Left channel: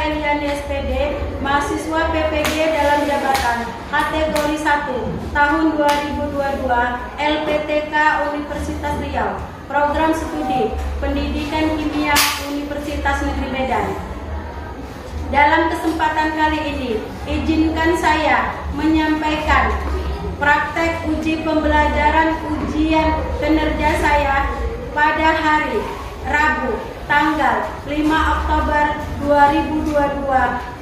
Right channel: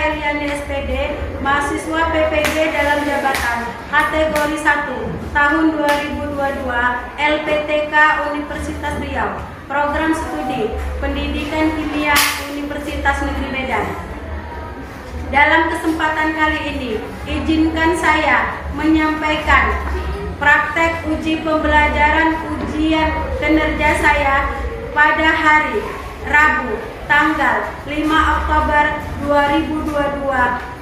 Eliani SPD, mahasiswa PPG dalam jabatan kategori 1 tahun 2022 LPTK Universitas Riau, program studi Pendidikan Kimia Universitas Negeri Medan. Dalam kesempatan kali ini, izinkan saya menyampaikan praktek uji pembelajaran ujian kinerja saya pada hari Rabu tanggal 5 Oktober 2022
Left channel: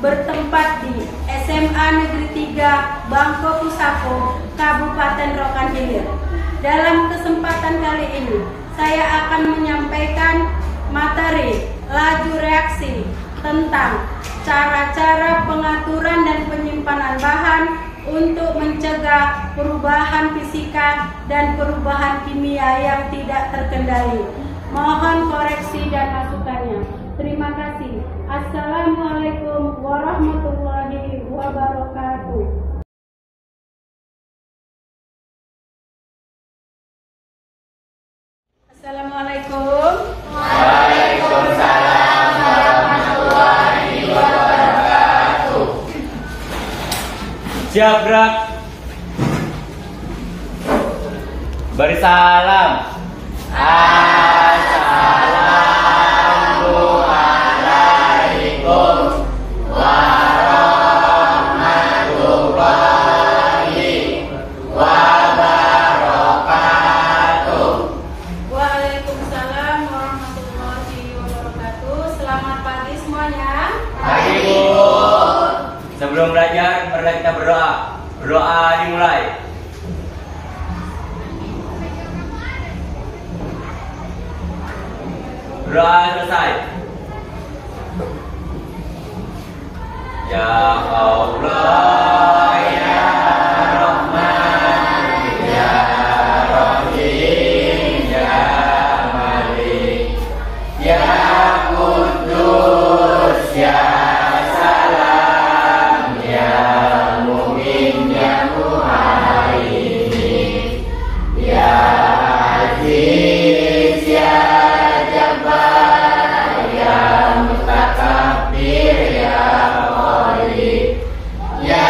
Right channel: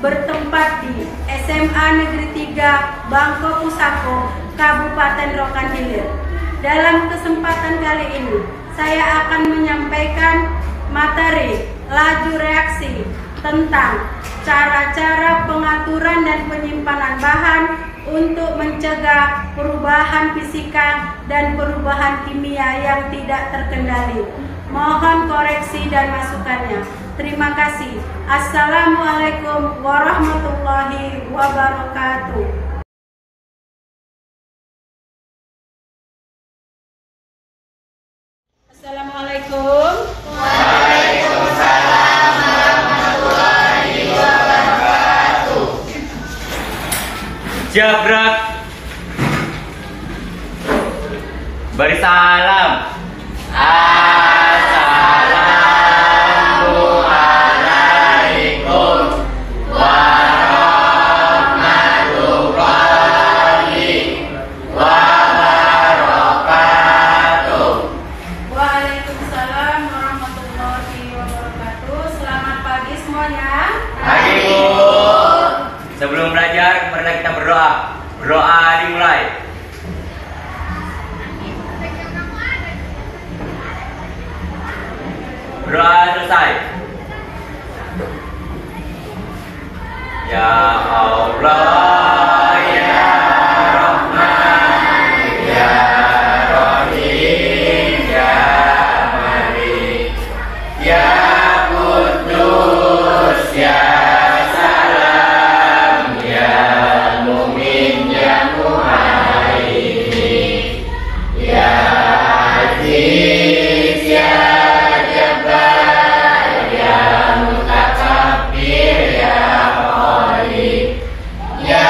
bertempat di SMA Negeri 3 Bangko Pusako, Kabupaten Rokan Hilir. Dalam kesempatan kali ini, saya akan menyampaikan materi laju reaksi tentang cara-cara pengaturan dan penyimpanan bahan untuk mencegah perubahan fisika dan perubahan kimia yang tidak terkendali. Mohon koreksi dan masukannya. Terima kasih. Assalamualaikum warahmatullahi wabarakatuh. Assalamualaikum. Waalaikumsalam warahmatullahi wabarakatuh. Jabrak. Beri salam. Assalamualaikum warahmatullahi wabarakatuh. Waalaikumsalam warahmatullahi wabarakatuh. Selamat pagi semuanya. Pagi, Bu. Sebelum belajar, mari kita berdoa. Berdoa dimulai. Berdoa selesai. Ya Allah, ya Rahman, ya Rahim, ya Malik, ya Kudus, ya Salam, ya Mumin, ya Muhaimin, ya Aziz, ya Jabbar, ya Mutakabbir, ya Khaliq, ya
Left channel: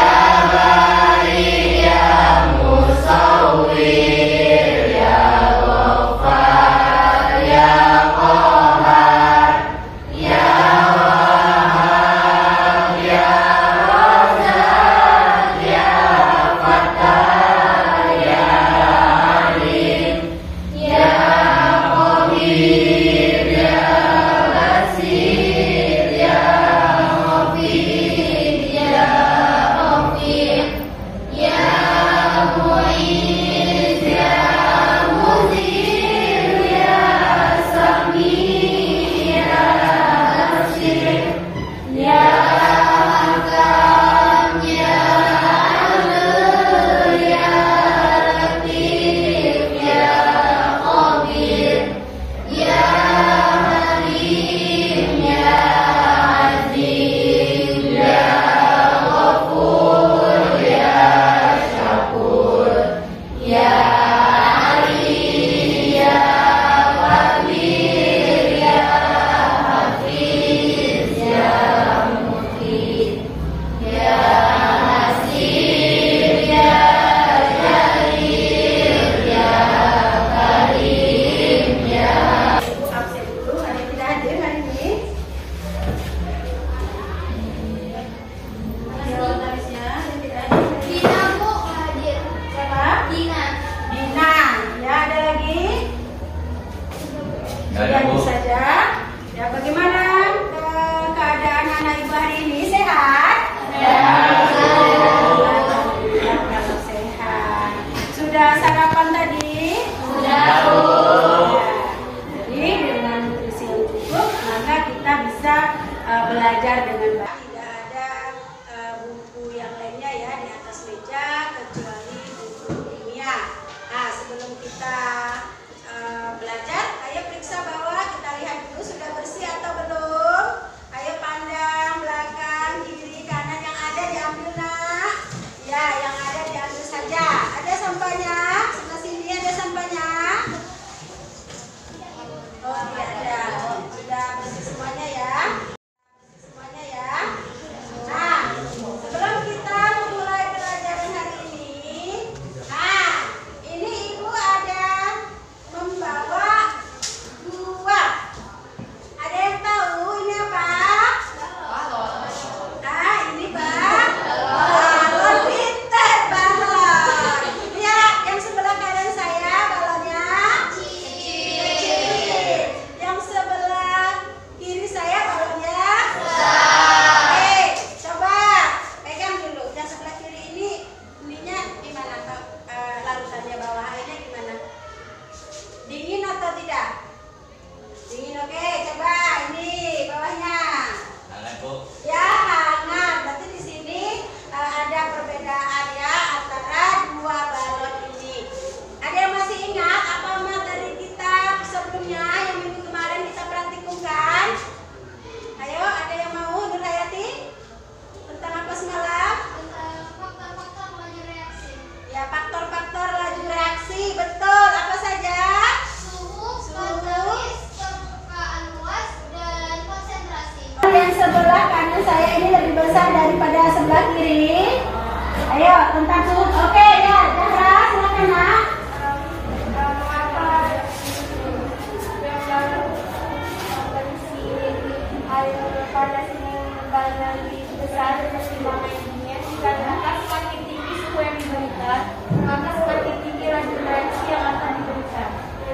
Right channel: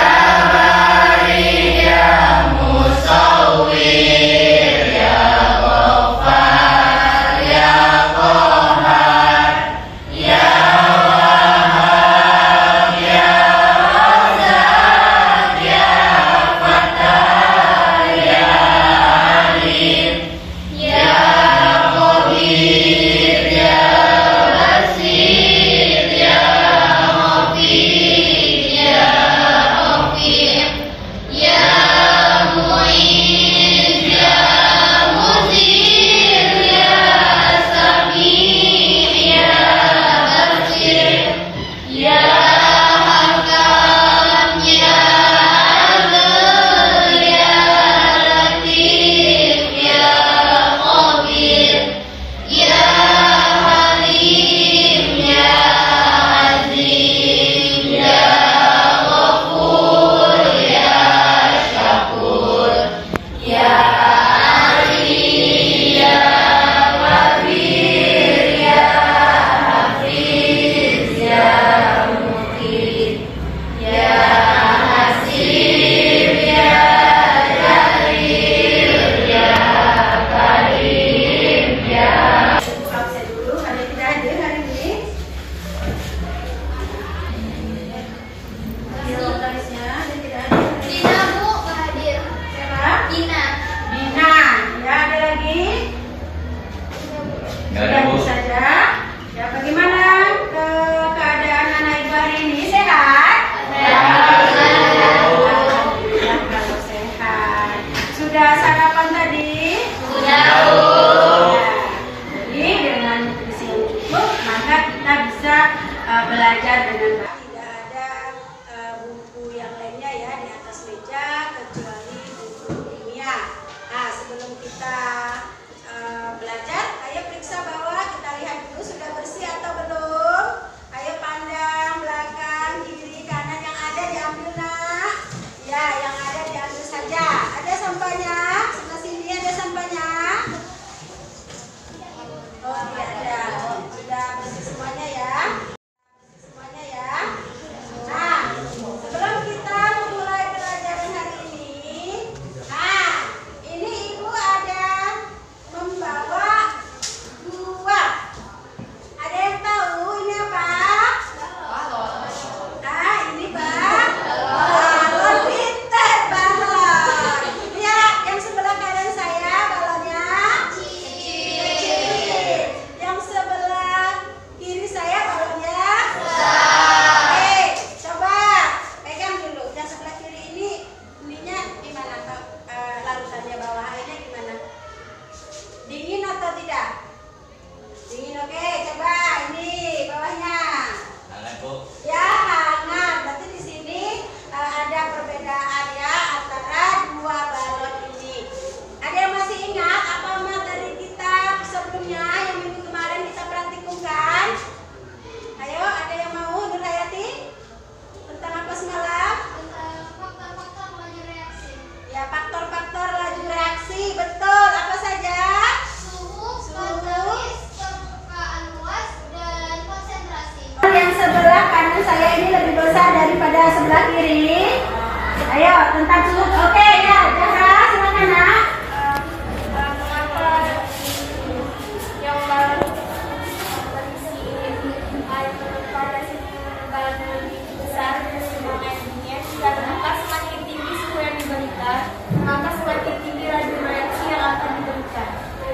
dunia, dikarenakan semakin tinggi suhu yang diberikan, maka semakin tinggi laju reaksi yang akan diberikan.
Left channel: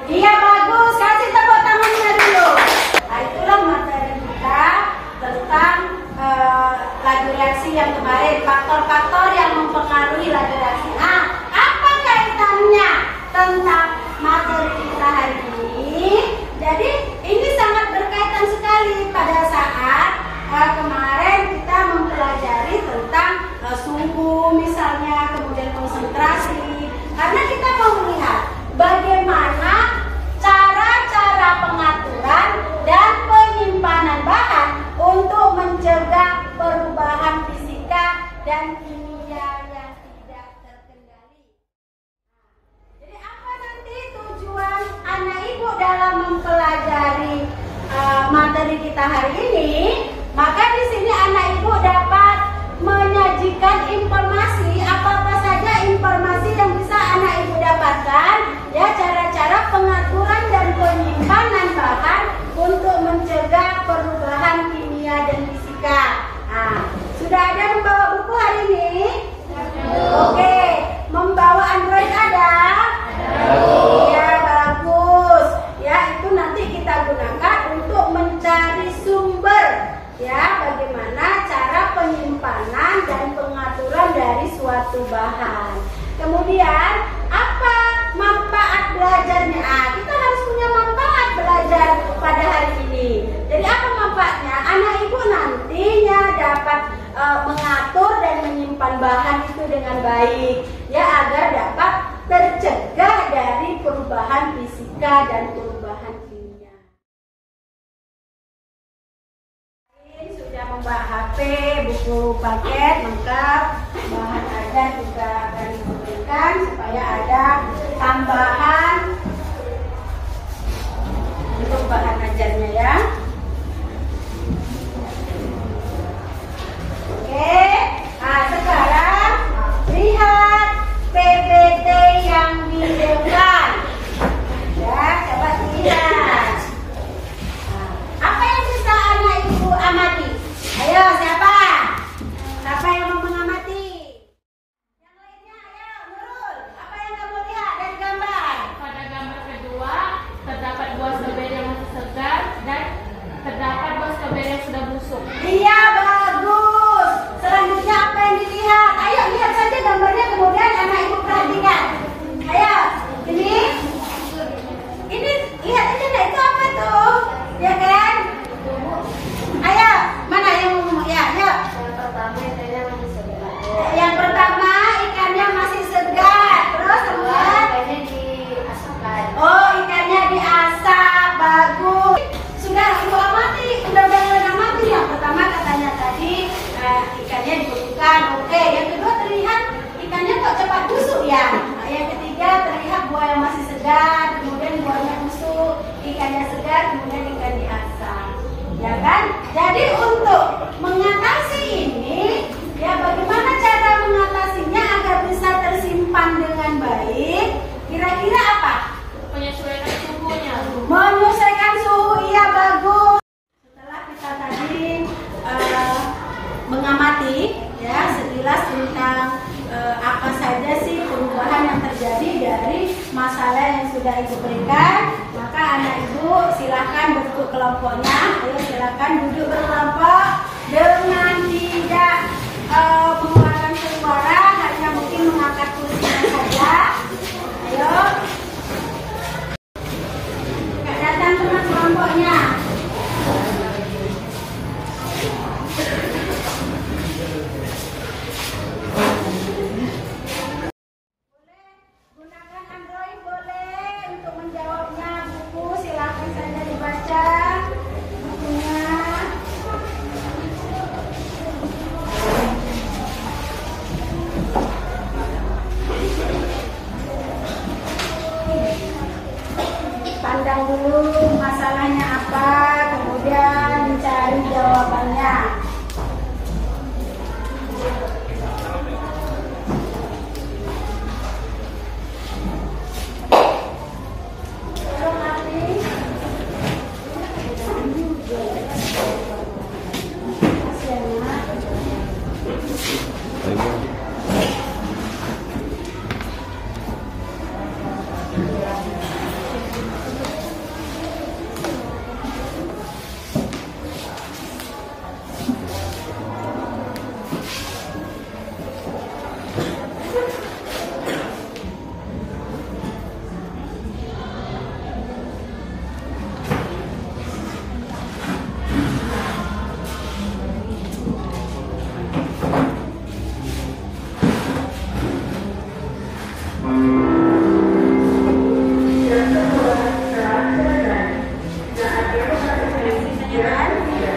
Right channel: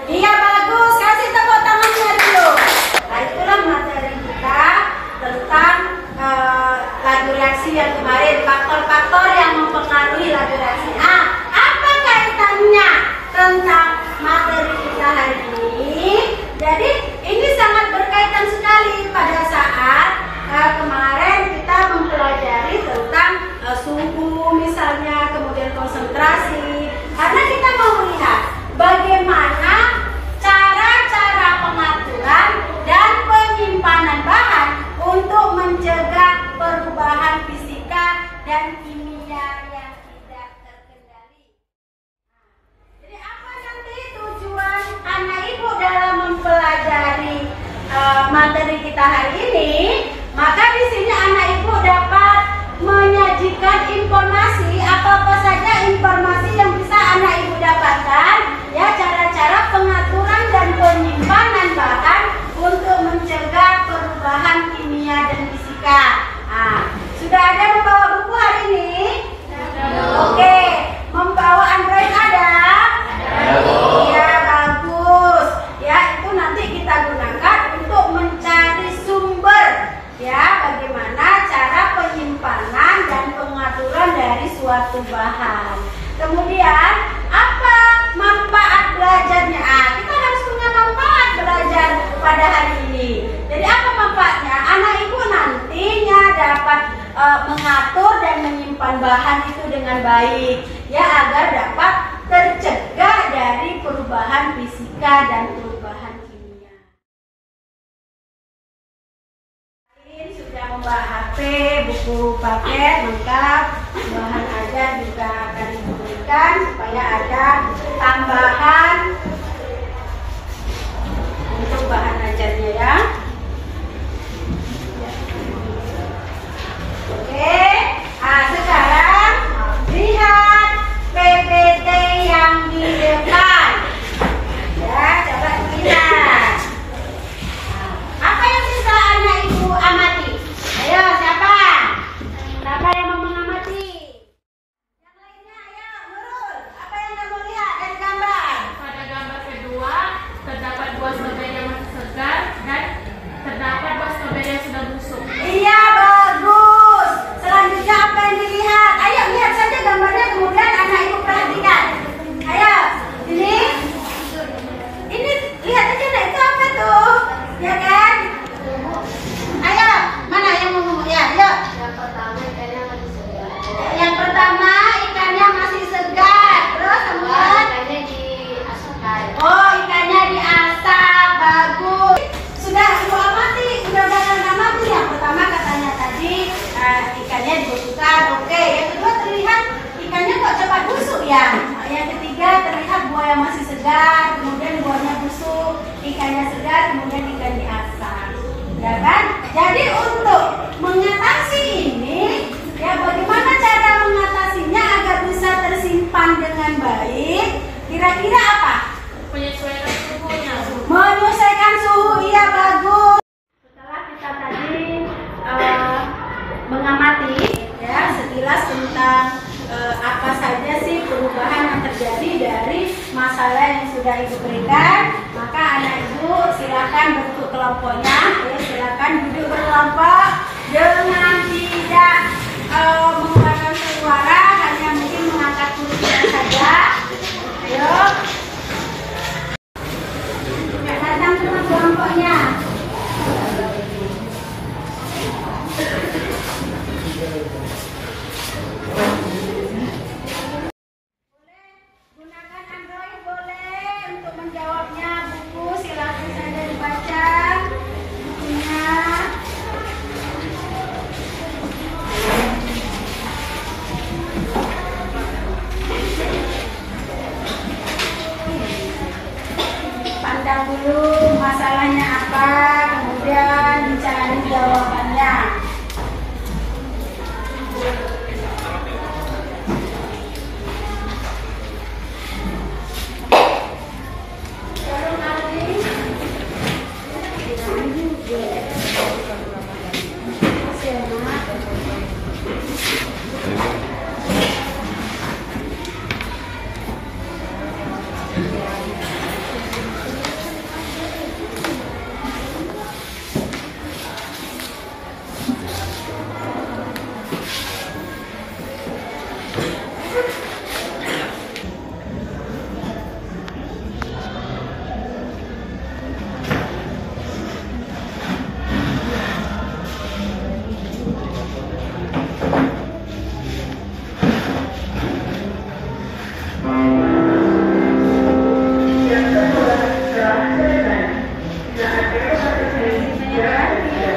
Iya, bagus. Kasih tepuk tangannya dulu. Nah, itulah materi kita tentang laju reaksi yang kemarin, faktor-faktor yang mempengaruhi laju reaksi. Nah, apa kaitannya tentang materi kita hari ini? Jadi ini sangat berkaitan sekali pada saat kemarin kita mempelajari tentang suhu misalnya, kemudian konsentrasi. Karena kita mau melihat bagaimana cara-cara pengaturan dan penyimpanan bahan untuk mencegah perubahan fisika dan kimia yang tidak terkendali. Jadi apa nanti tujuan anak ibu dalam mempelajari materi kita hari ini? Maka di sini anak ibu dapat menyajikan informasi, apa saja informasi yang bisa anak ibu dapatkan, ya, cara-cara pengaturan dan penyimpanan bahan untuk mencegah perubahan kimia dan fisika. Nah, sudah ada membawa buku hari ini? Oke, membawa Android ada? Ya, bagus. Ya, itu nanti kita gunakan untuk mencari sumber, ya, bagaimana cara penyimpanan dan pengaturan dari suatu bahan. Kemudian apa manfaat belajarnya? Kita harus punya manfaat belajar pada hari ini. Jadi apa manfaatnya? Anak ibu nantinya dapat mengatur dan menyimpan bahan itu dengan baik, ya, agar dapat tercegah dari perubahan fisika dan perubahan kimia. Sudah membawa HP, buku paket lengkap, bahan ada juga akan diberikan supaya ada tambahan untuk bahan ajarnya, ya. Oke, nah sekarang lihat PPT yang di depan, ya, coba lihat. Apa yang bisa anak ibu amati? Ayo, siapa? Siapa yang mau mengamati? Yang lainnya, ayo, Nurul. Apa yang kamu lihat dari gambar? Pada gambar kedua, terdapat buah stroberi yang masih segar dan terdapat buah stroberi yang sudah busuk. Iya, bagus. Selanjutnya apa yang dilihat? Ayo, lihat saja gambarnya, kemudian anak ibu perhatikan. Ayo, ini lihat aja, nah itu apa tuh? Ya kan? Ayo, mana yang mau ngomong? Ya, yuk. Yang pertama ikannya masih segar. Terus kemudian oh, ikannya diasap, bagus. Sudah ibu amati, sudah amati. Yang pertama katanya tadi ikannya dibekukan, oke. Yang kedua terlihat ikannya kok cepat busuk, ya. Yang ketiga terlihat buah yang masih segar, kemudian buahnya busuk, ikannya segar, kemudian ikan diasap, ya kan? Jadi untuk mengatasi ini, ya, bagaimana cara mengatasinya agar bisa tersimpan dengan baik? Kira-kira apa? Penyesuaian suhunya. Menyesuaikan suhu, iya, bagus. Setelah kita tadi mengamati, ya, sekilas tentang apa saja sih perubahan yang terjadi dari masalah yang sudah ibu berikan, maka anak ibu silakan bentuk kelompoknya. Ayo, silakan duduk berkelompok dengan tidak mengeluarkan suara, hanya mungkin mengangkat kursinya saja. Ayo, datang teman kelompoknya. Gunakan Android boleh untuk menjawabnya. Buku silakan saja dibaca bukunya. Pandang dulu masalahnya apa, kemudian mencari jawabannya.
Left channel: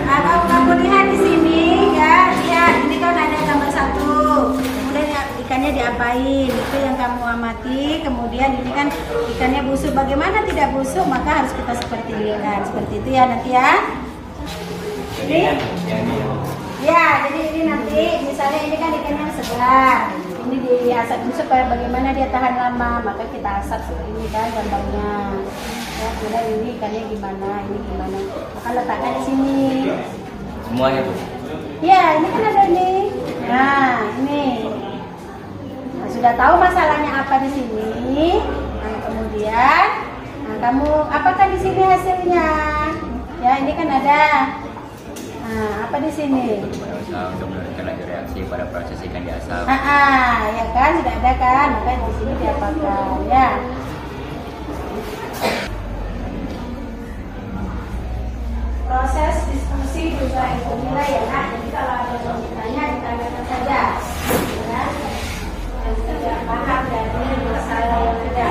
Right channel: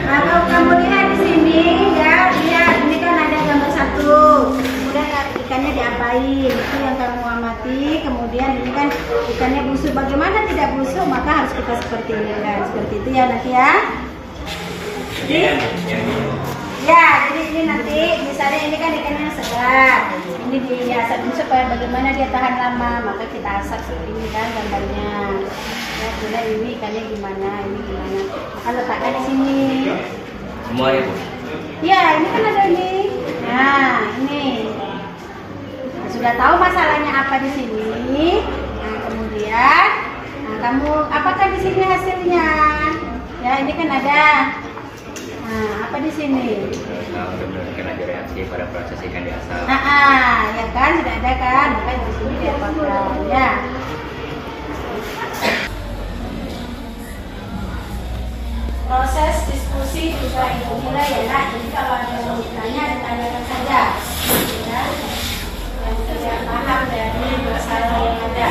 Kalau kamu lihat di sini ya, lihat ini kan ada gambar satu, kemudian ikannya diapain, itu yang kamu amati. Kemudian ini kan ikannya busuk, bagaimana tidak busuk, maka harus kita seperti ini kan, seperti itu ya nanti ya. Jadi, ya, jadi ini nanti misalnya ini kan ikannya segar, ini diasap supaya bagaimana dia tahan lama, maka kita asap seperti ini kan gambarnya. Ya, kemudian ini ikannya gimana, ini gimana, maka letakkan di sini. Semuanya Bu. Ya, ini kan ada ini. Nah, ini. Nah, sudah tahu masalahnya apa di sini. Nah, kemudian, nah kamu apakah di sini hasilnya? Ya, ini kan ada. Nah, apa di sini? Benar-benar laju reaksi pada proses ikan diasap. Ya kan, sudah ada kan? Maka di sini diapakan ya. Proses diskusi juga itu nilai ya nak. Jadi kalau ada yang bertanya, ditanyakan saja. Ya. Yang tidak paham dari masalah yang ada.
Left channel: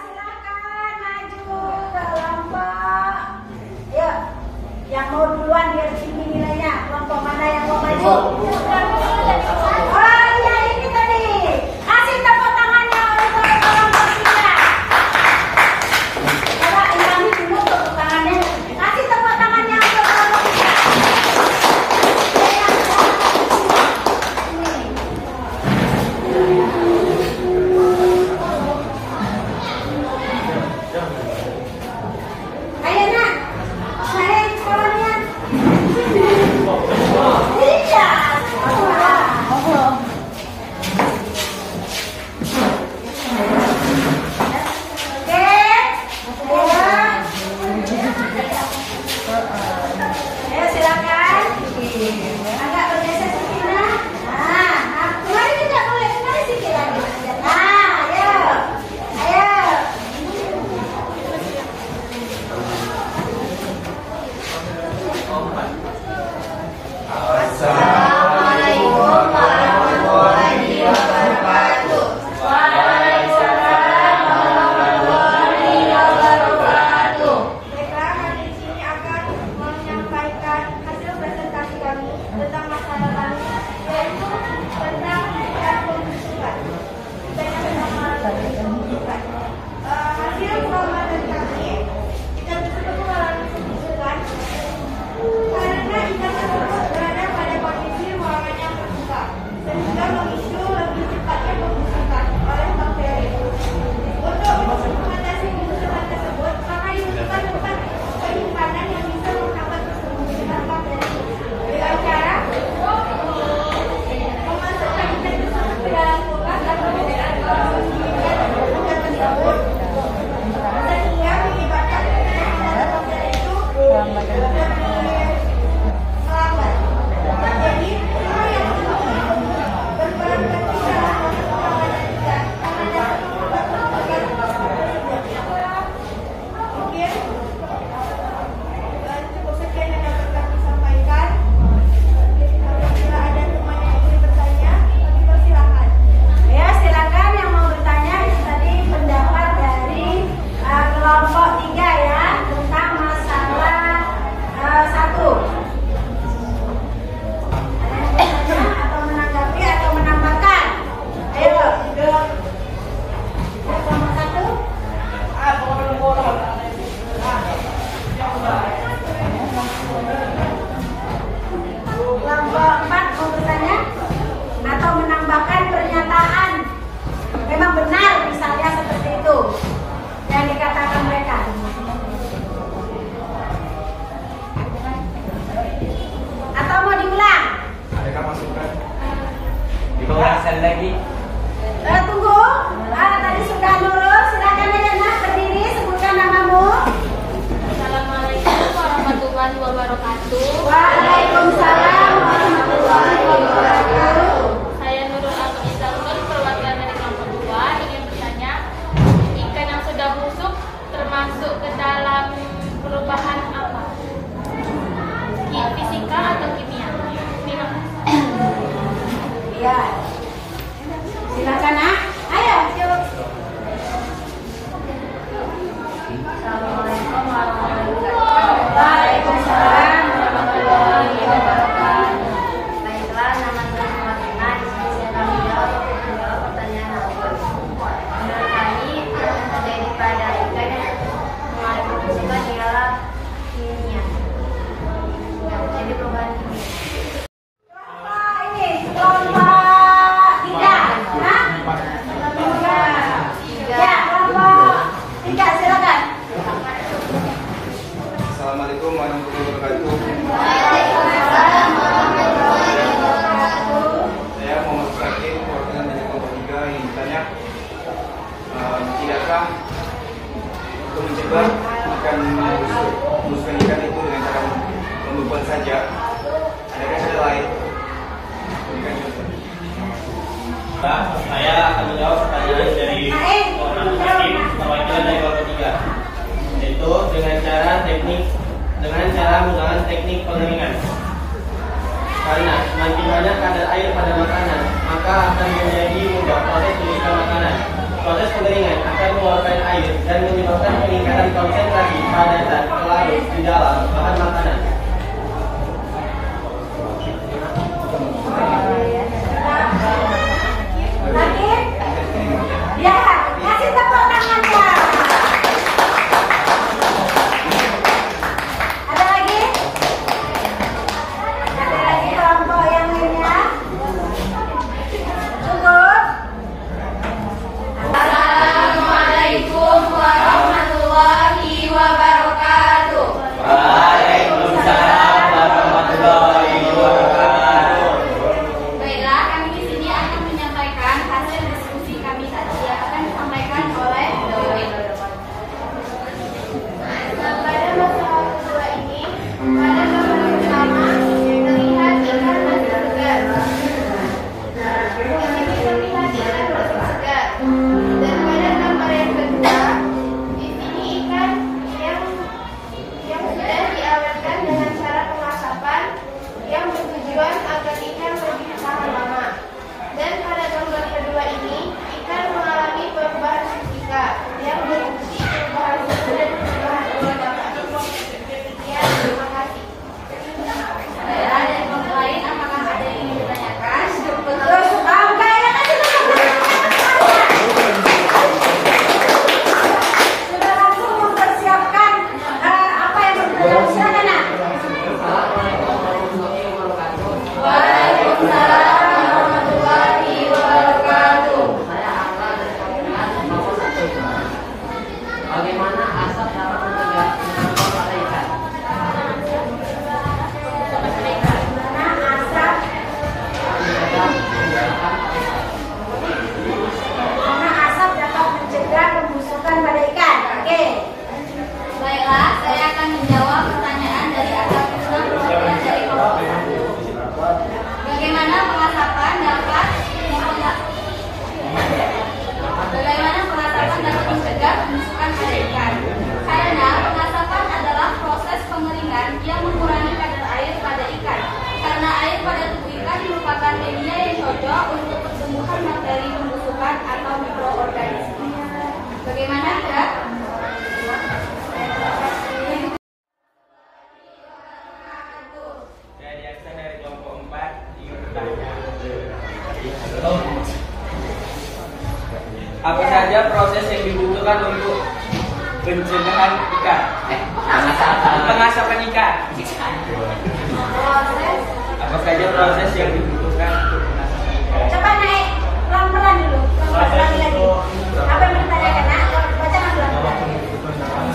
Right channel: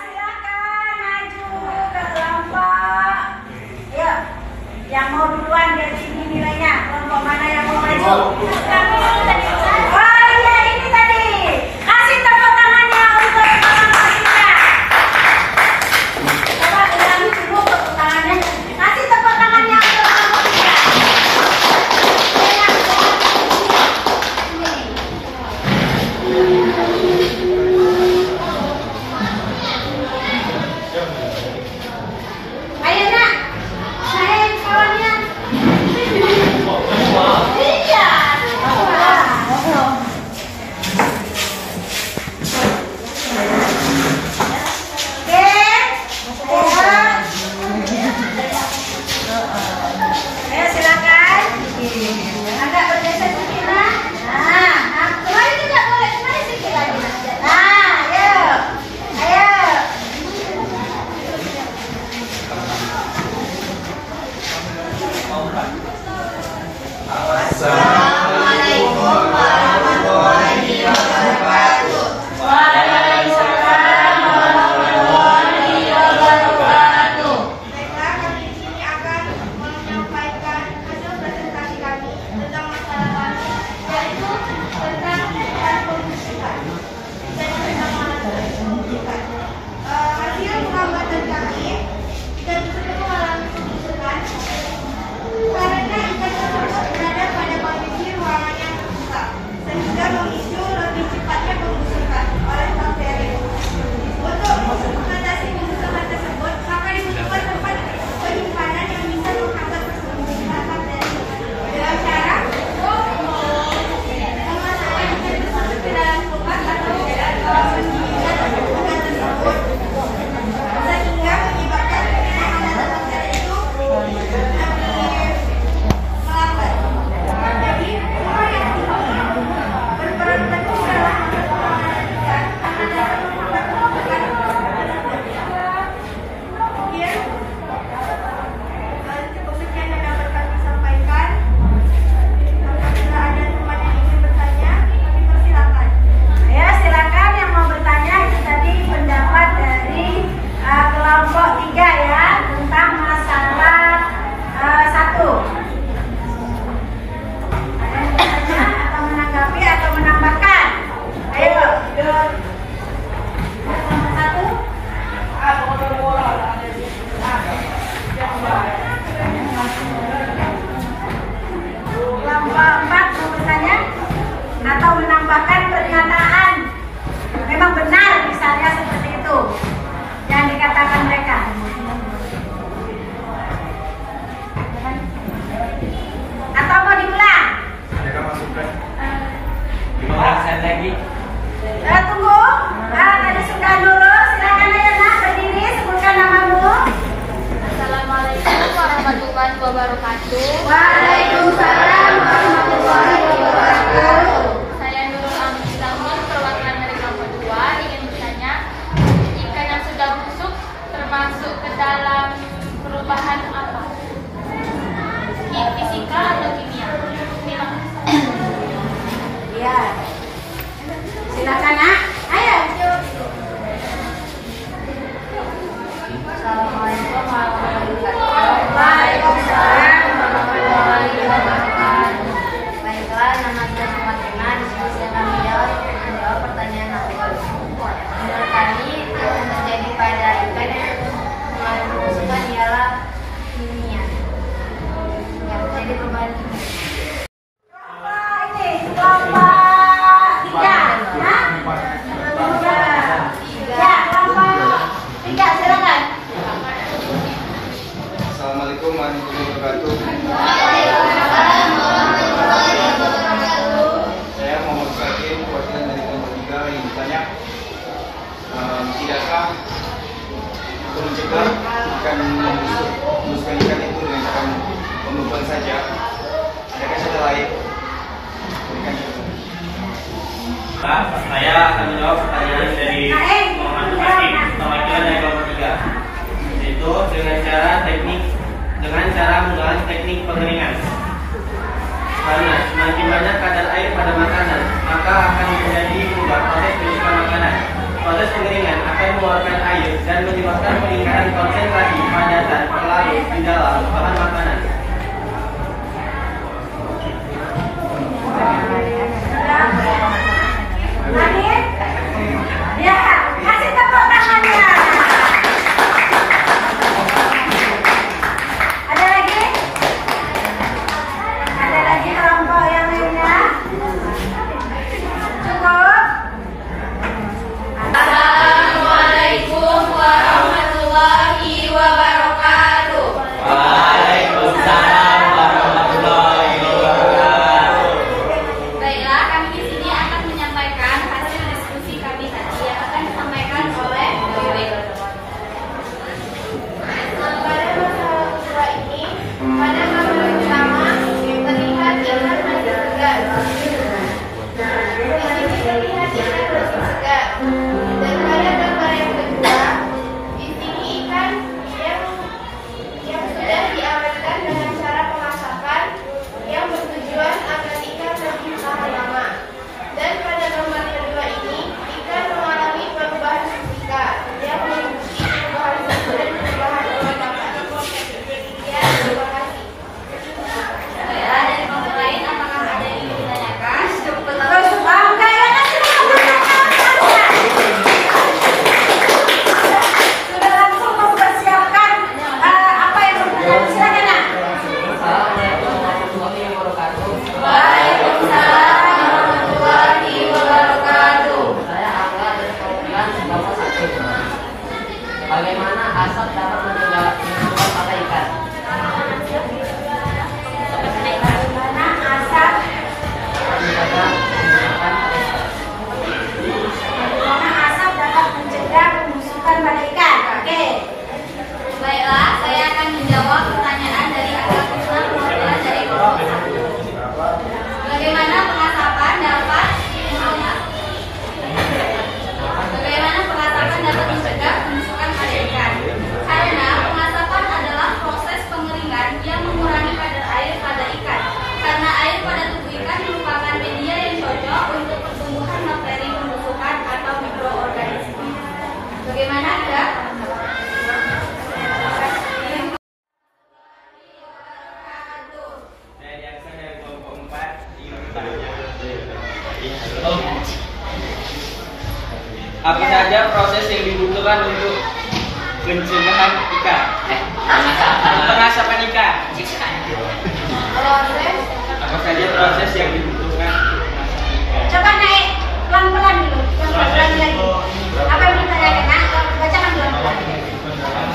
Silakan maju ke kelompok. Ayo, yang mau duluan dia sini nilainya. Kelompok mana yang mau maju? Oh iya ini tadi. Kasih tepuk tangannya untuk kelompok 3. Coba ulangi dulu tepuk tangannya. Kasih tepuk tangannya untuk kelompok 3. Ini. Ayo nak, naik kawannya. Iya, semua. Ayo silakan. Agak bergeser sedikit nah. Nah, kemarin juga boleh kemarin sedikit lagi. Nah, ayo, ayo. Assalamualaikum warahmatullahi wabarakatuh. Waalaikumsalam warahmatullahi wabarakatuh. Baiklah, kami di sini akan menyampaikan hasil presentasi kami tentang masalah kami, yaitu tentang alat pembusukan. Dan tentang alat pembusukan. Hasil pengamatan kami, ikan tersebut mengalami pembusukan karena ikan tersebut berada pada kondisi ruangan yang terbuka, sehingga memicu lebih cepatnya pembusukan oleh bakteri. Untuk mengatasi pembusukan tersebut, maka dibutuhkan tempat penyimpanan yang bisa menghambat pertumbuhan bakteri. Dengan cara memasukkan ikan tersebut ke dalam kulkas atau pendinginan ikan tersebut, sehingga menyebabkan penanganan bakteri itu lebih melambat. Jadi, semua yang berperan penting dalam penanganan ikan karena dapat menghambat pertumbuhan tersebut. Mungkin cukup sekian yang dapat kami sampaikan. Apabila ada teman yang ingin bertanya, kami persilakan. Ya, silakan yang mau bertanya. Itu tadi pendapat dari kelompok 3 ya tentang masalah 1. Ada yang bertanya atau menanggapi atau menambahkan? Ayo, kelompok 1. Kelompok 4 mau bertanya atau menambahkan pernyataan memang benar misalnya seperti itu yang dikatakan mereka. Atau mau diulang? Adakah masukan? 15 lagi. Tunggu. Tadi sudah dulu. Silakan aja nak berdiri. wabarakatuh. Waalaikumsalam warahmatullahi wabarakatuh. Saya Nurul Amin, perwakilan dari kelompok 2, ingin bertanya, ikan yang sudah busuk termasuk ke dalam perubahan apa? Fisika atau kimia? Iya. Silakan, Nak. Ayo. Assalamualaikum warahmatullahi wabarakatuh. Waalaikumsalam warahmatullahi wabarakatuh. Baiklah, nama saya Sumatina. Di sini saya akan menjawab pertanyaan awal. Menurut kami, yang terjadi pada ikan yang mengalami kebusukan ialah kimia. Yang terjadi perubahan kimia. Kelompok 3, ya? Ya, kelompok 3, silakan. Assalamualaikum warahmatullahi wabarakatuh. Saya Muhammad Sakir, perwakilan dari kelompok 3 yang bertanya, tidakkah untuk mencegah ikan membusukkan ikan itu dengan cara membekukan saja? Adakah cara lain? Berikan contoh. Saya akan menjawab pertanyaan dari Muhammad Hakim, perwakilan dari kelompok 3, yaitu dengan cara menggunakan teknik pengeringan. Karena semakin banyak kadar air pada makanan, maka akan menjadi mudah proses penyusupan makanan. Proses pengeringan akan mengeluarkan air dan menyebabkan peningkatan konsentrasi padatan pelarut di dalam bahan makanan. Lagi? Ya, kasih tepuk tangannya. Ada lagi? Ada lagi kelompok yang lainnya? Cukup? Assalamualaikum warahmatullahi wabarakatuh. Waalaikumsalam warahmatullahi wabarakatuh. Baiklah, kami di sini akan menyampaikan hasil diskusi kami tadi yang akan disampaikan oleh Wiwi. Pada masalah kedua ini, pada gambar pertama terlihat ikan masih segar. Di sini terlihat ikan masih segar. Dan pada gambar yang kedua, di sini ikan yang sudah diawetkan dengan cara pengasapan yang bertujuan agar ikan lebih tahan lama. Dan pada gambar kedua ini, ikan mengalami perubahan fisika yang meliputi perubahan suhu dan perubahan kelembapan. Ya, terima kasih. Baiklah, dari kelompok lain, apakah ada yang ingin ditanyakan? Terus, enggak ya, kasih tepuk tangan. Sudah langsung mempersiapkan apa yang mau kita silakan, Nak. Waalaikumsalam warahmatullahi wabarakatuh. Bagaimana asap dapat mencegah penyebab pada ikan? Bagaimana asap? Bagaimana asap dapat mencegah pembusukan pada ikan? Oke. Baiklah, saya akan menjawab pertanyaan dari Agam Krishna, perwakilan dari kelompok 1. Bagaimana pengasapan dapat mencegah pembusukan pada ikan? Karena pengasapan adalah proses pengeringan yang mengurangi kadar air pada ikan. Karena air pada tubuh ikan merupakan media yang cocok untuk pertumbuhan bakteri pembusukan atau mikroorganisme. Bagaimana, Kak? Saya Jackson dari kelompok 4 ingin bertanya. Apa saja proses yang dibutuhkan untuk pencegahan ikan? Pengasapan ikan. Apa saja proses yang dibutuhkan untuk pengasapan ikan? Coba naik pelan-pelan dulu. Pelan-pelan lagi. Apa yang ditanyakan, Nak? Bacakan pelan-pelan.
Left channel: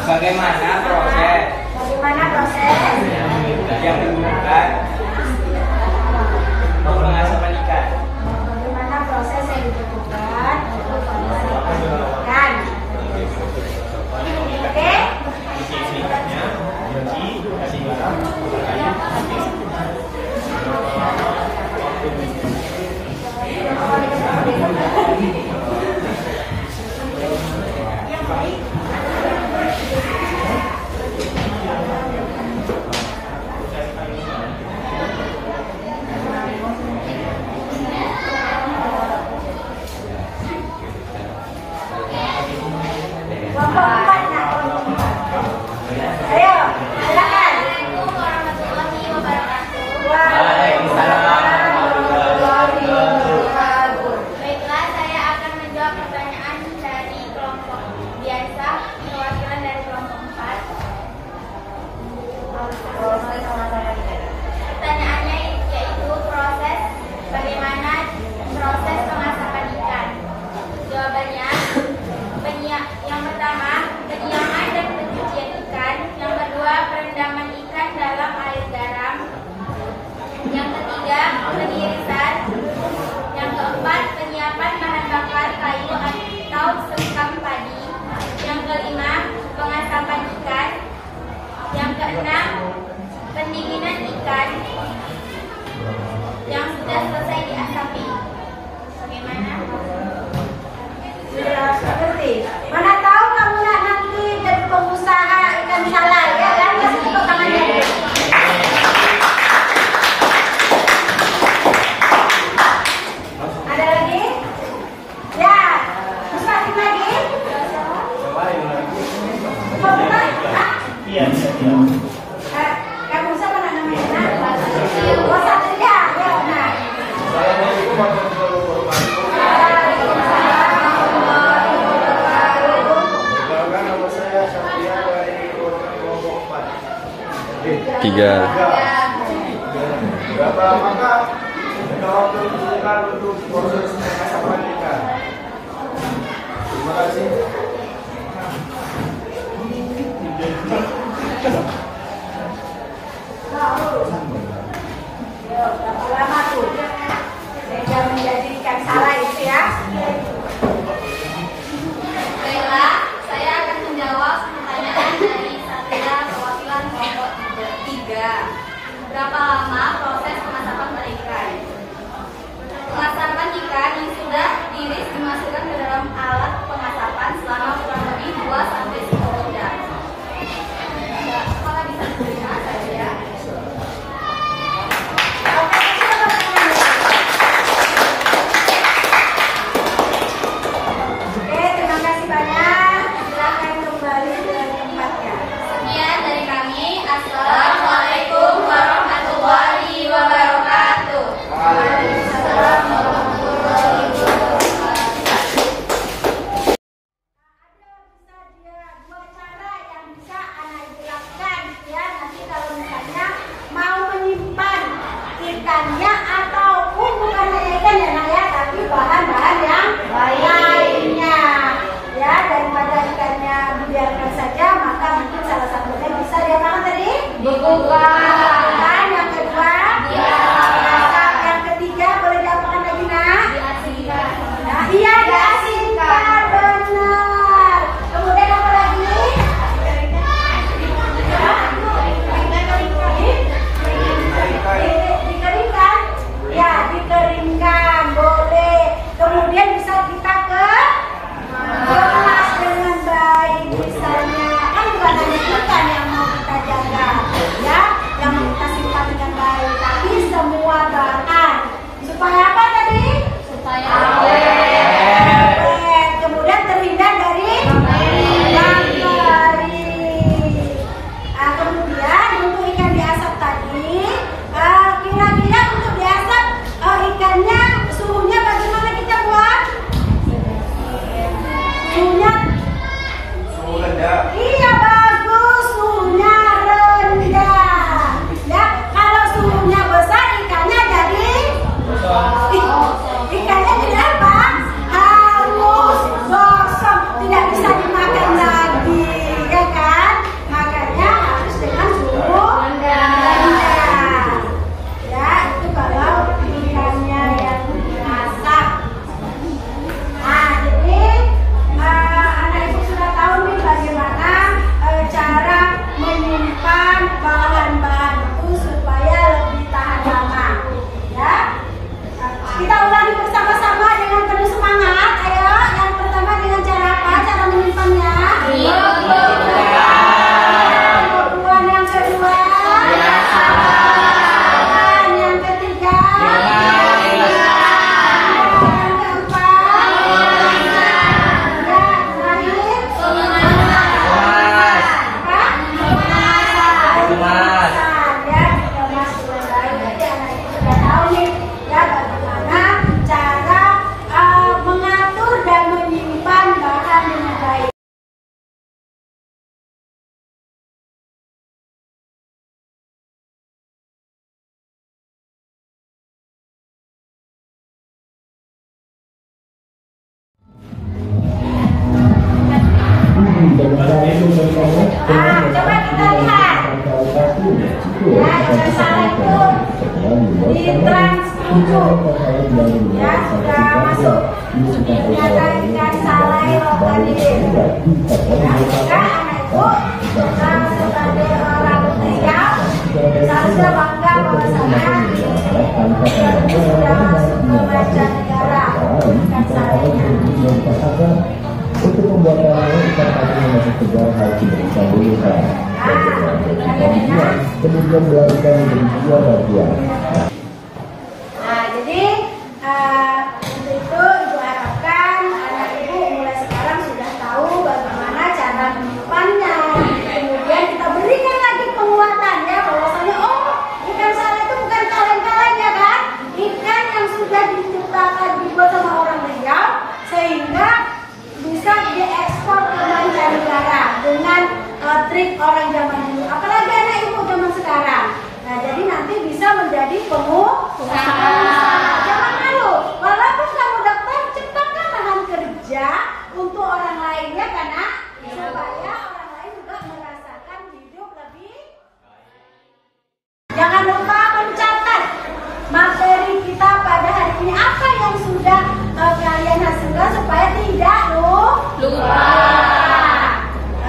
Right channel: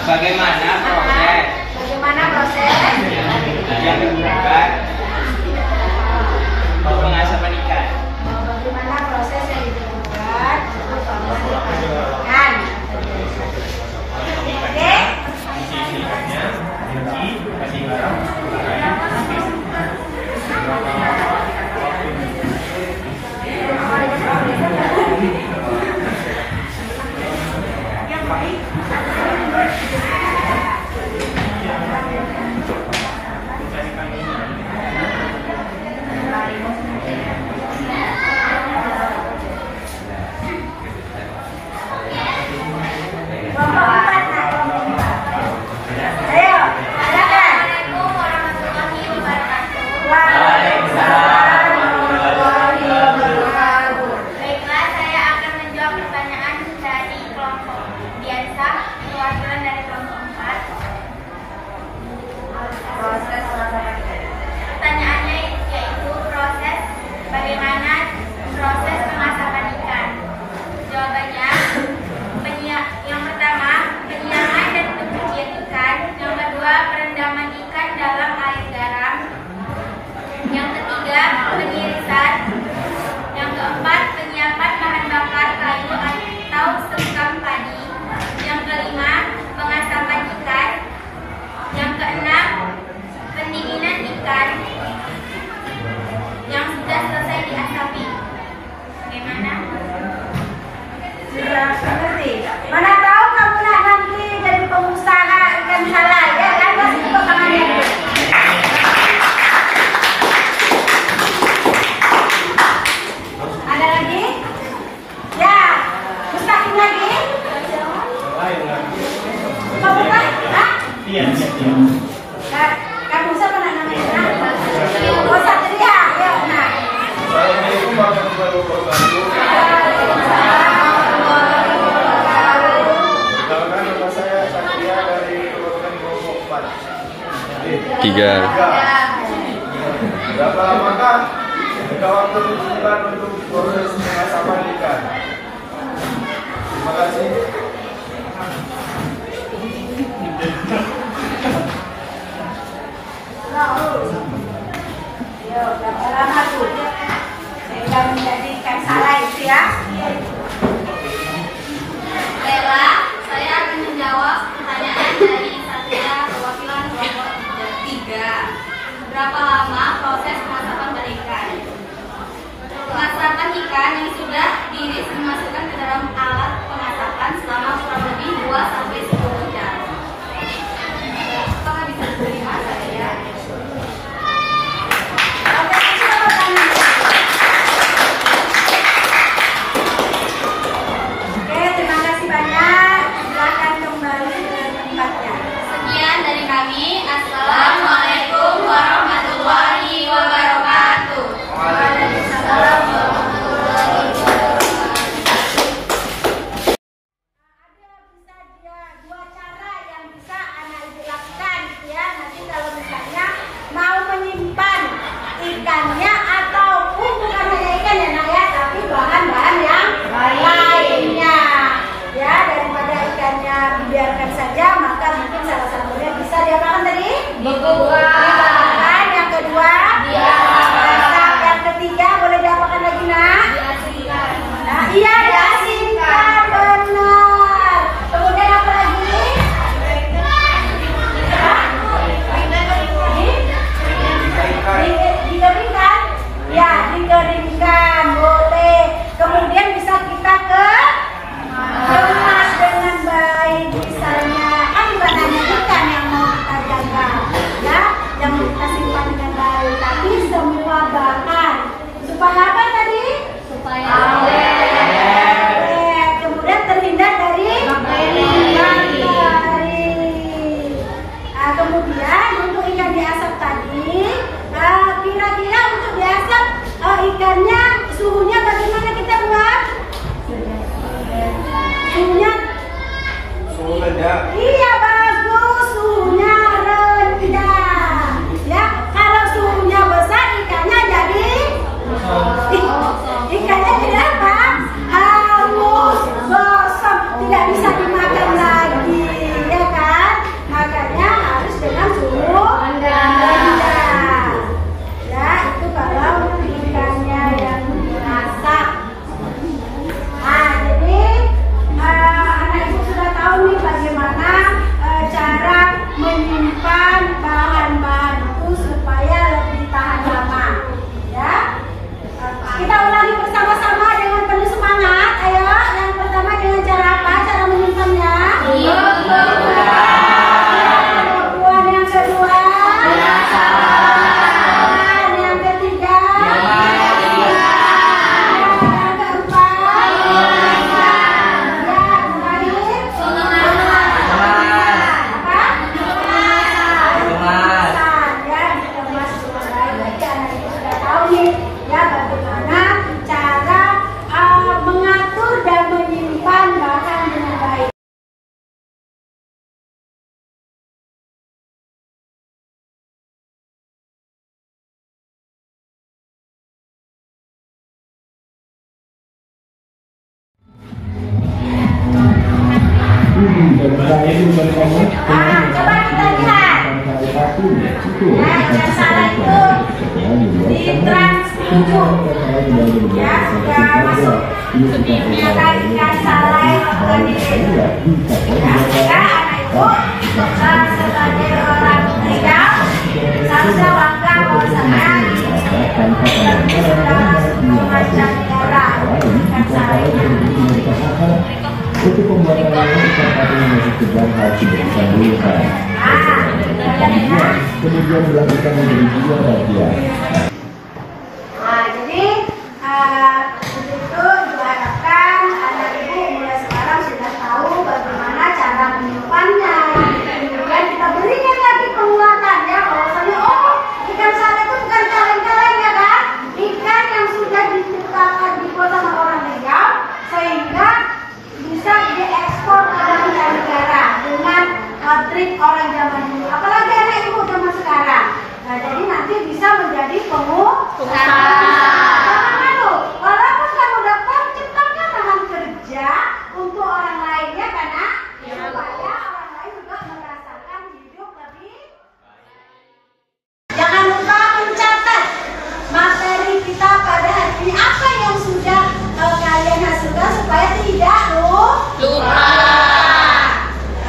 Bagaimana proses Bagaimana proses yang dibutuhkan untuk pengasapan ikan? Bagaimana proses yang dibutuhkan untuk pengasapan ikan? Oke? Kasih garam, Iya. Nah, kamu siapa namanya? Oh, Satria. Ya, nah. Assalamualaikum warahmatullahi wabarakatuh. Perkenalkan, nama saya Satria dari program kelompok 4. 3. Berapa lamakah jangka waktu dibutuhkan untuk proses pengasapan ikan? Terima kasih. Ya, berapa lama tuh? Sehingga menjadi ikan salai itu ya. Baiklah, saya akan menjawab pertanyaan dari Satria perwakilan kelompok 3. Berapa lama proses pengasapan berikan? Pengasapan ikan yang sudah diiris dimasukkan ke dalam alat pengasapan selama kurang lebih 2-10 jam. Apakah bisa diterima saya? Oke, terima kasih banyak. Silakan kembali ke tempatnya. Sekian dari kami. Assalamualaikum warahmatullahi wabarakatuh. Waalaikumsalam warahmatullahi wabarakatuh. Ada bisa dua cara yang bisa anak ibu lakukan gitu ya. Nanti kalau misalnya mau menyimpan ikannya ataupun bukan hanya ikan ya nak ya, tapi bahan-bahan yang lainnya ya, daripada ikannya dibiarkan saja, maka mungkin salah satunya bisa diapakan tadi? Dibuka. Yang kedua dimasak. Yang ketiga boleh diapakan lagi nak? Diasingkan. Nah, iya diasingkan, benar. Kemudian apa lagi? Dikeringkan? Ya, dikeringkan, boleh. Kemudian bisa kita kemas dengan baik, misalnya kan bukan hanya ikan yang mau kita jaga, ya, yang mau kita simpan dengan baik, tapi semua bahan supaya apa tadi? Supaya Awet. Kemudian terhindar dari bakteri. Kemudian untuk ikan diasap tadi, kira-kira untuk diasap ikannya suhunya bagaimana kita buat? Suhunya? Suhu rendah. Iya bagus, suhunya rendah. Ya, kalau suhunya besar ikannya jadi ikannya jadi apa? Hangus, gosong, tidak bisa dimakan lagi, ya kan? Makanya harus dengan suhu rendah. Ya, itu kalau ikannya yang dimasak. Nah, jadi anak ibu sudah tahu nih bagaimana cara menyimpan bahan-bahan itu supaya lebih tahan lama. Ya, kita ulangi bersama-sama dengan penuh semangat. Ayo, yang pertama dengan cara apa? Cara menyimpannya? Kemudian yang kedua? Yang ketiga? Yang keempat? Bagaimana cara mengatur dan menyimpan bahan dengan baik. Coba kita lihat. Ya, ikan salai itu di Trans 7. Ya, sudah masuk. Ya kan, ikan salai organik. Ya, sehingga anak ibu sebagai orang Riau harusnya bangga bahwasanya ini sudah masuk ke mancanegara ikan salainya. Untuk pembuatannya kita sekedar harus diperiksa dulu kan. Kemudian melakukan review bagian. Nah, jadi untuk itu ibu harapkan anak ibu mulai sekarang sudah tahu bagaimana cara menyimpannya. Kemudian kita beri trik orang zaman dulu, apalagi anak ibu zaman sekarang. Nah, jadi nanti bisa menjadi pengusaha. Jangan malu, walaupun kamu dokter, ciptakan lahan kerja untuk orang lainnya karena supaya orang lain juga merasakan hidup lebih. Jangan lupa mencatat materi kita pada hari ini, apa yang sudah kalian hasilkan supaya tidak lupa.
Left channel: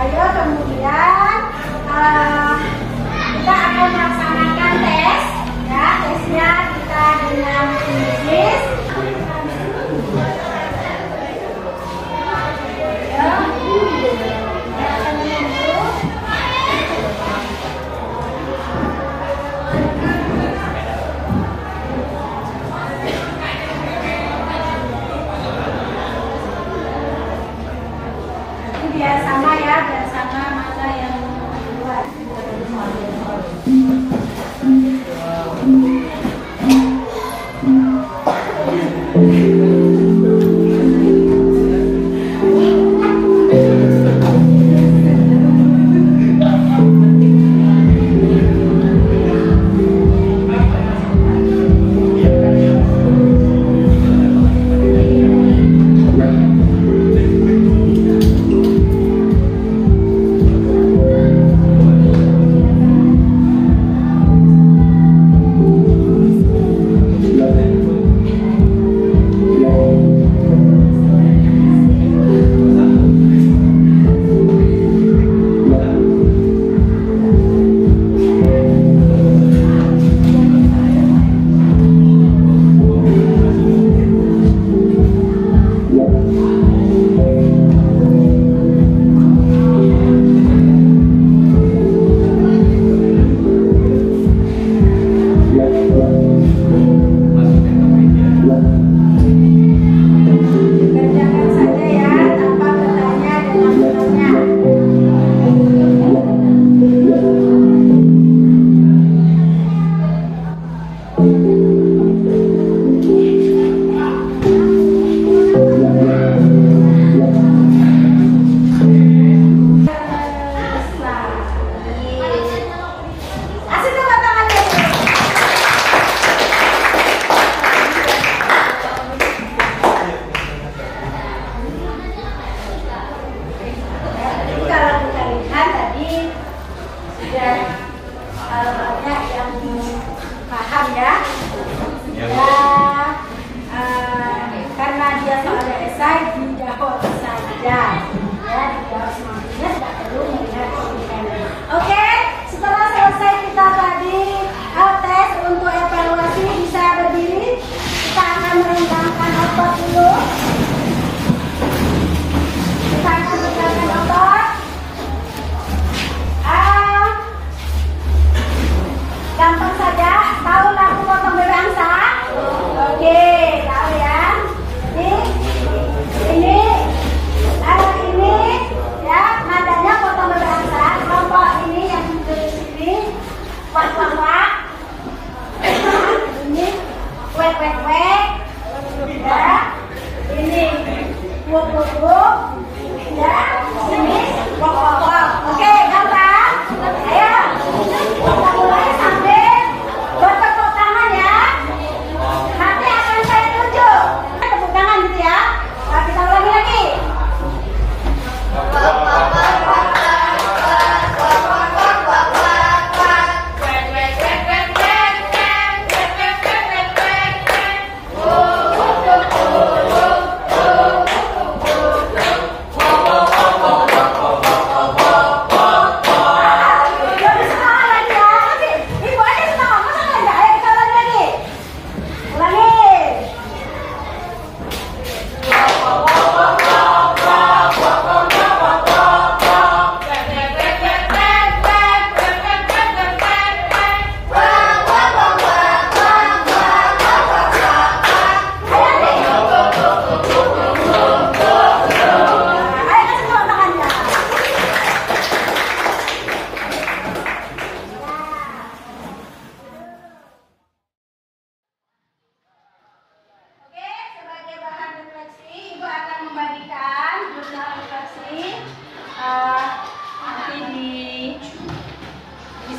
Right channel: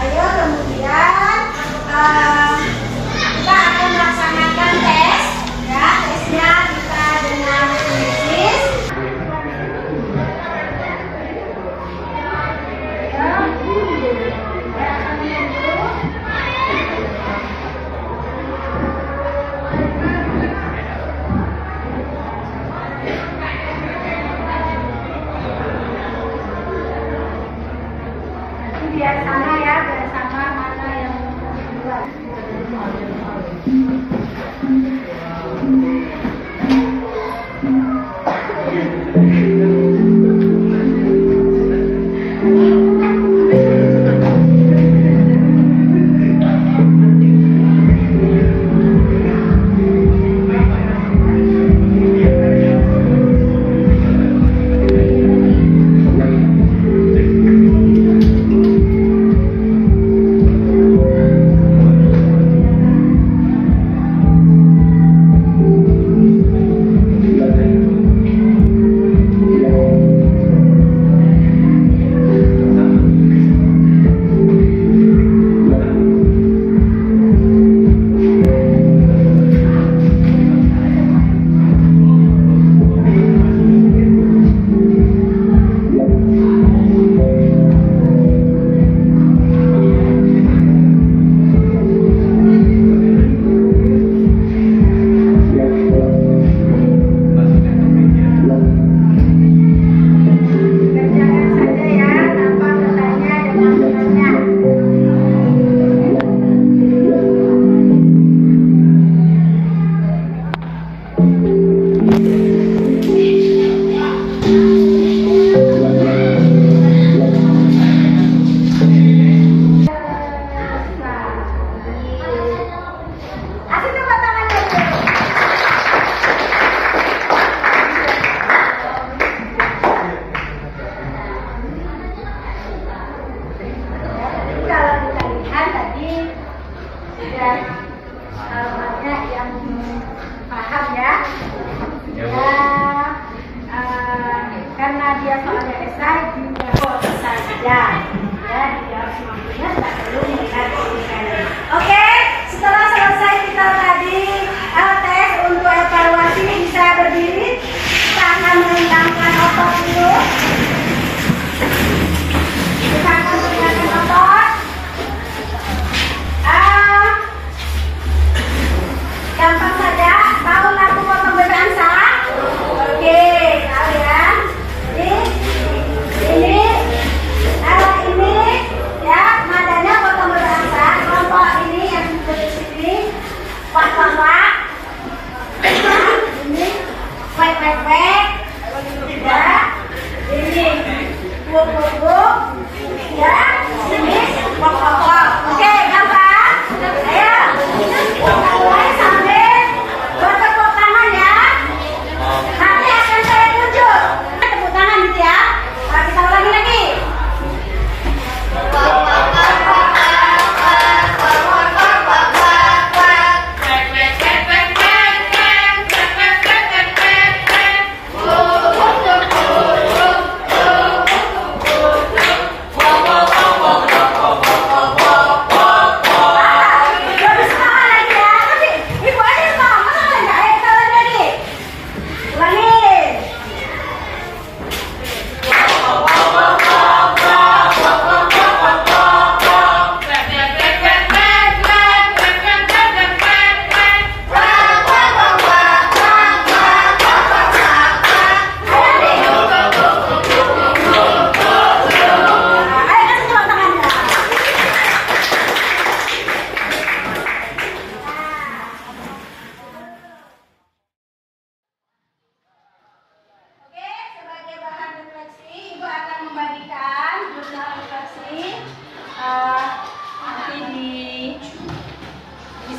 Ayo, kemudian kita akan melaksanakan tes, ya. Tesnya kita dengan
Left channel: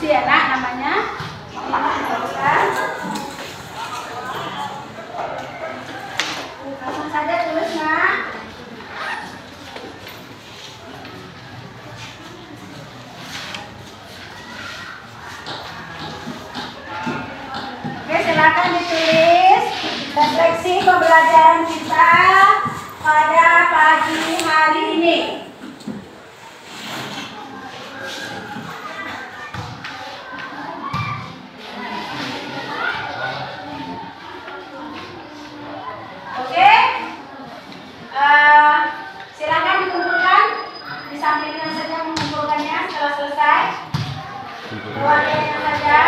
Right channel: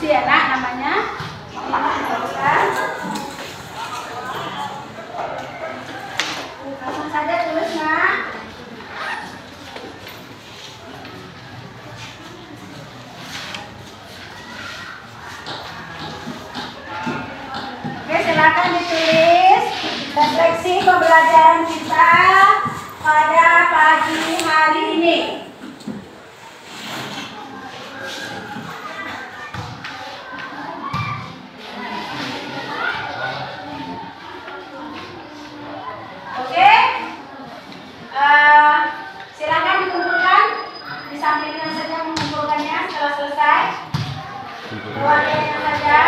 diskusi ya nak namanya. Langsung saja tulis nak. Oke, silakan ditulis refleksi pembelajaran kita pada pagi hari ini. Oke, silakan dikumpulkan di sampingnya saja mengumpulkannya setelah selesai. Keluarganya saja.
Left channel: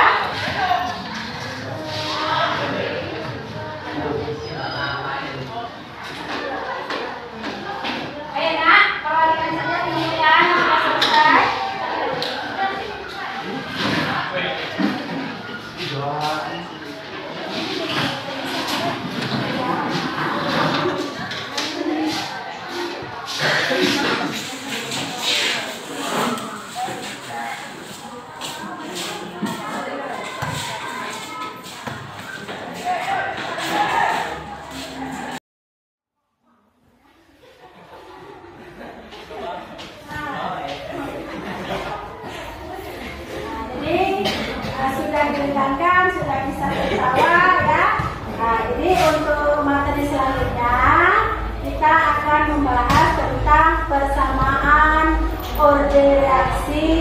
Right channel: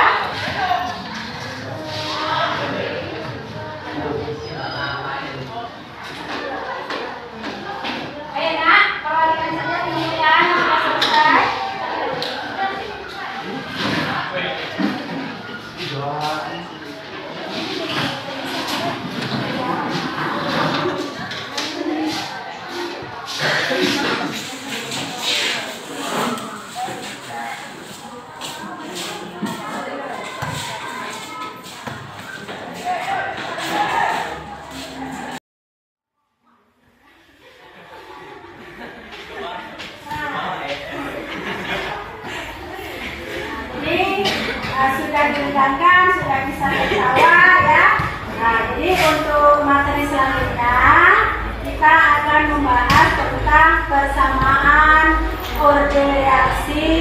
Ayo nak, keluarganya saja mengumpulkan setelah selesai. Sudah dilengkapkan, sudah bisa tertawa ya. Nah, jadi untuk materi selanjutnya kita akan membahas tentang persamaan orde reaksi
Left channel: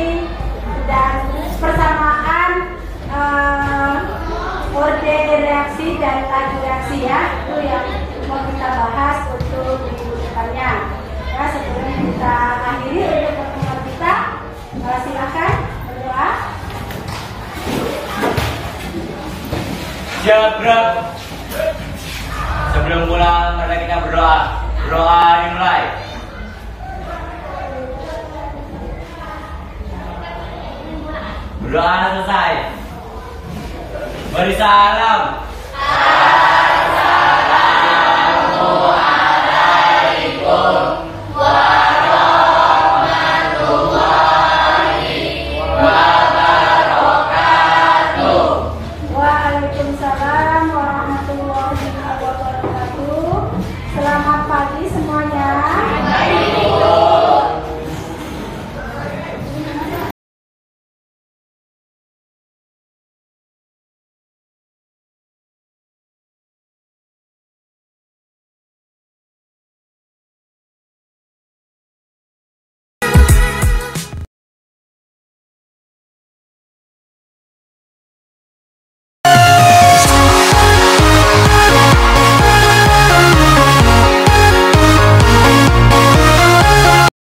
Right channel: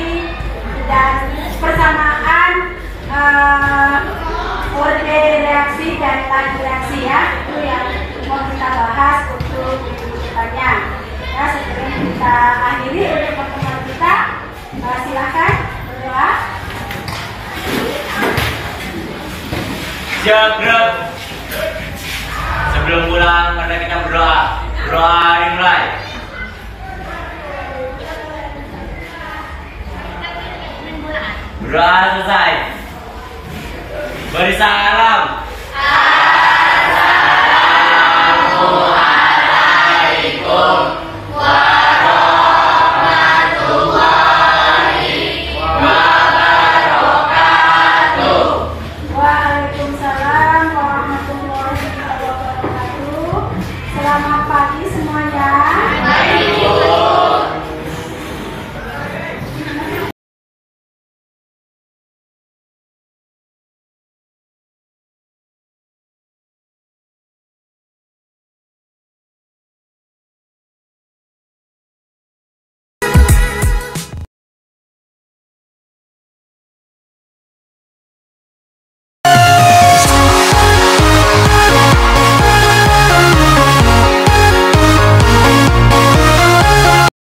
dan persamaan orde reaksi dan laju reaksi ya. Itu yang mau kita bahas untuk kedepannya. Ya, sebelum kita akhiri untuk pertemuan kita, silakan berdoa. Jagrab. Sebelum pulang, mari kita berdoa. Berdoa dimulai. Berdoa selesai. Beri salam.